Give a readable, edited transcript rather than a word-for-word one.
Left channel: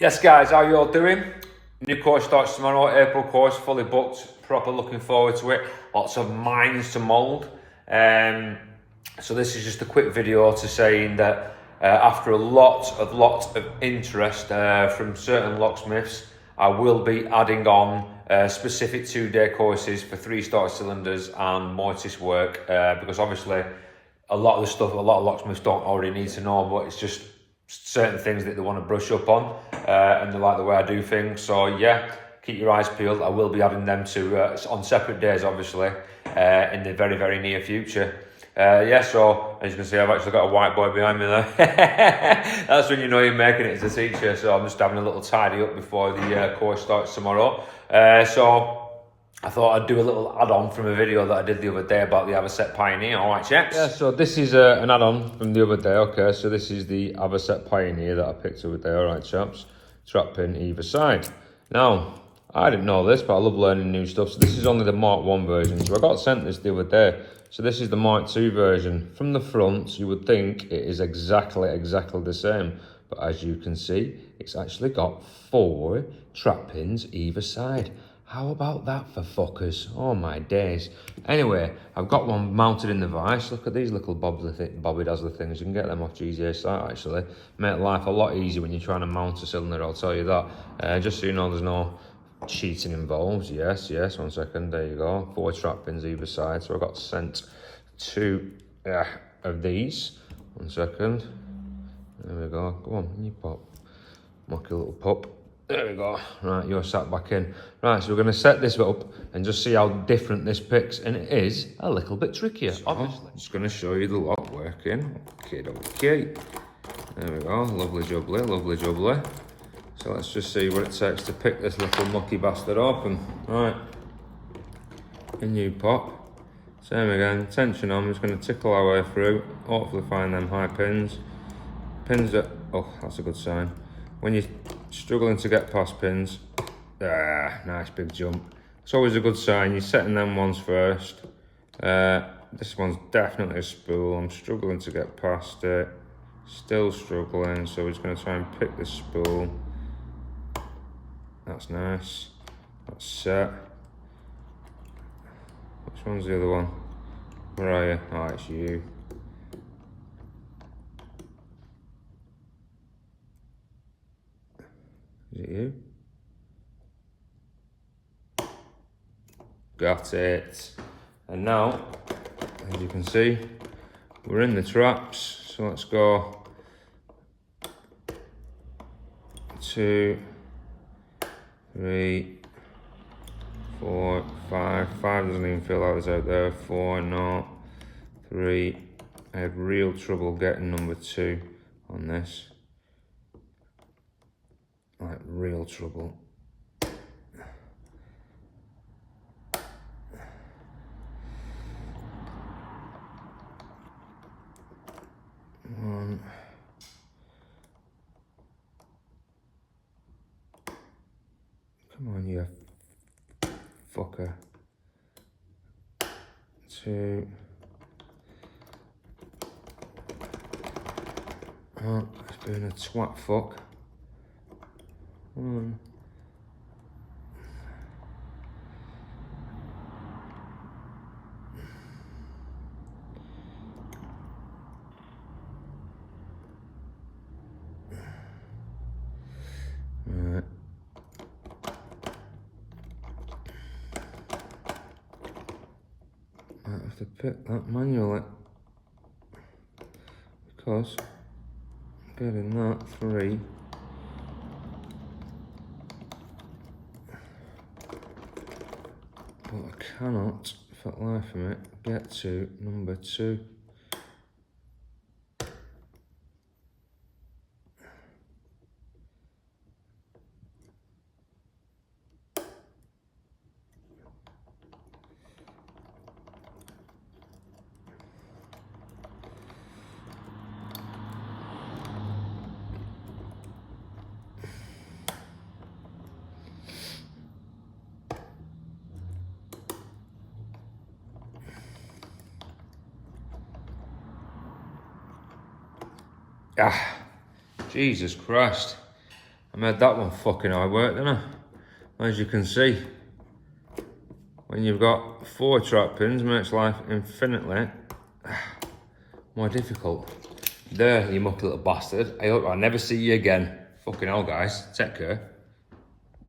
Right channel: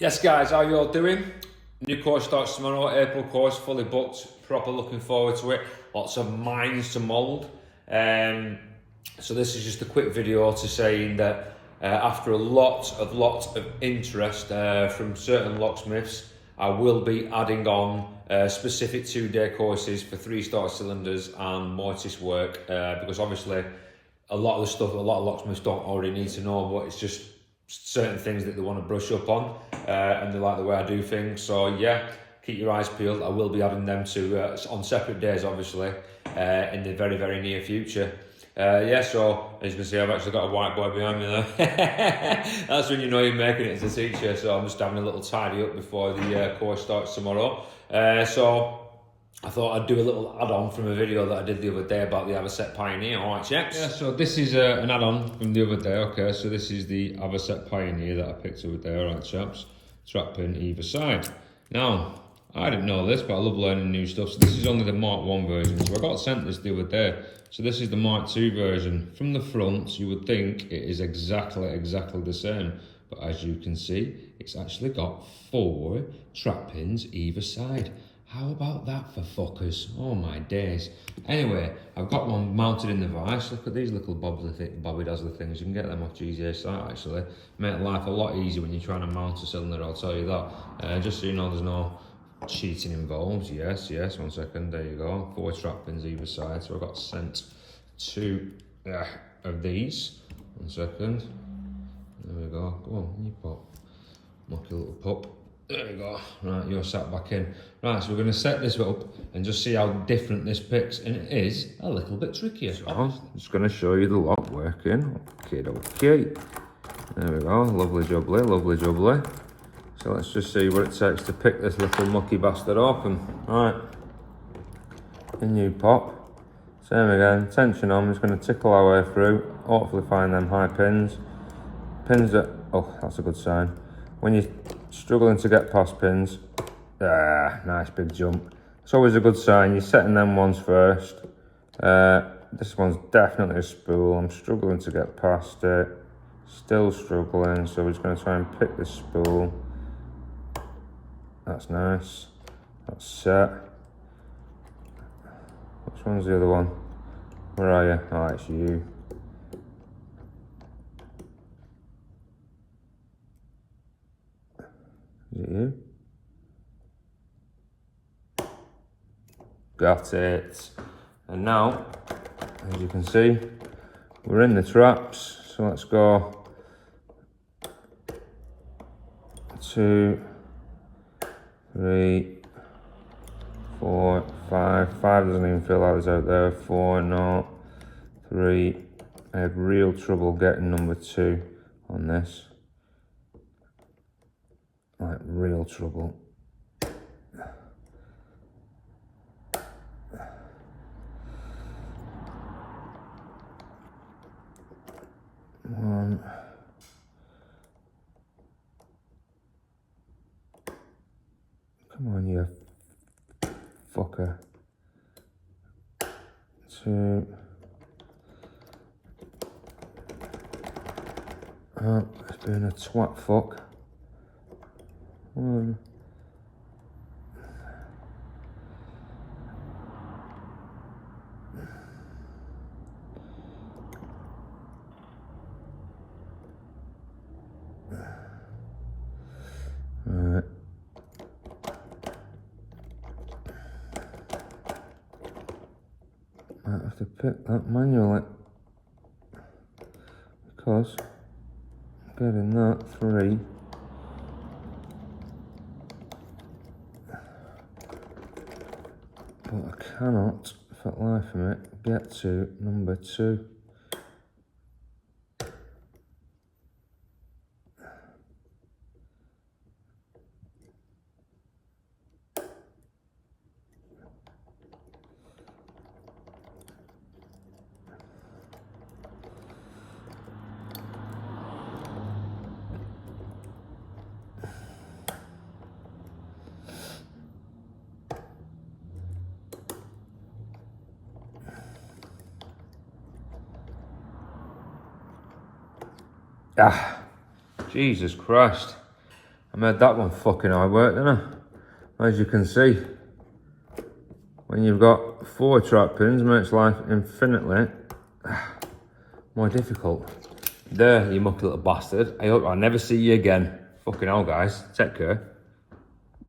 Yes guys, how you all doing? New course starts tomorrow, April course, fully booked, proper looking forward to it. Lots of mines to mould. So this is just a quick video to saying that after a lot of interest from certain locksmiths, I will be adding on specific 2-day courses for 3-star cylinders and mortise work because obviously a lot of the stuff a lot of locksmiths don't already need to know, but it's just certain things that they want to brush up on and they like the way I do things. So yeah, keep your eyes peeled. I will be adding them to on separate days obviously in the very near future. Yeah, so as you can see, I've actually got a whiteboard behind me there. That's when you know you're making it as a teacher. So I'm just having a little tidy up before the course starts tomorrow. So I thought I'd do a little add-on from a video that I did the other day about the Avocet Pioneer. All right, chaps? Yeah, so this is an add-on from the other day. Okay, so this is the Avocet Pioneer that I picked up there. All right, chaps. Trap pin either side. Now, I didn't know this, but I love learning new stuff. So this is only the Mark 1 version. So I got sent this the other day. So this is the Mark 2 version. From the front, you would think it is exactly the same. But as you can see, it's actually got 4 trap pins either side. How about that for fuckers? Oh my days. Anyway, I've got one mounted in the vise. Look at these little bobby dazzler things. You can get them off GZA site actually. Make life a lot easier when you're trying to mount a cylinder, I'll tell you that. Just so you know there's no cheating involved. Yes, 1 second, there you go. 4 trap pins either side. So I got sent 2 of these. 1 second. There we go. Go on, you pop. Mocky little pup. There we go. Right, you're sat back in. Right, so we're going to set this up and just see how different this picks. And it is a little bit trickier, obviously. I'm just going to show you the lock working. Okay. There we go. Lovely jubbly. So let's just see what it takes to pick this little mucky bastard open. Right. In you pop. Same again. Tension on. I'm just going to tickle our way through. Hopefully find them high pins. Pins that... Oh, that's a good sign. When you're struggling to get past pins, nice big jump. It's always a good sign. You're setting them ones first. This one's definitely a spool. I'm struggling to get past it. Still struggling, so we're just going to try and pick this spool. That's nice. That's set. Which one's the other one? Where are you? Oh, it's you. Is it you? Got it. And now, as you can see, we're in the traps. So let's go 2, 3, 4, 5. 5 doesn't even feel like it's out there. 4, no. 3. I have real trouble getting number 2 on this. Like real trouble. 1. Come on, you fucker. 2. Oh, it's being a twat fuck. 1. Right. Might have to pick that manually because getting that 3. But I cannot, for the life of me, get to number 2. Ah, Jesus Christ. I made that one fucking hard work, didn't I? As you can see, when you've got 4 trap pins, makes life infinitely more difficult. There, you mucky little bastard. I hope I never see you again. Fucking hell, guys. Take care.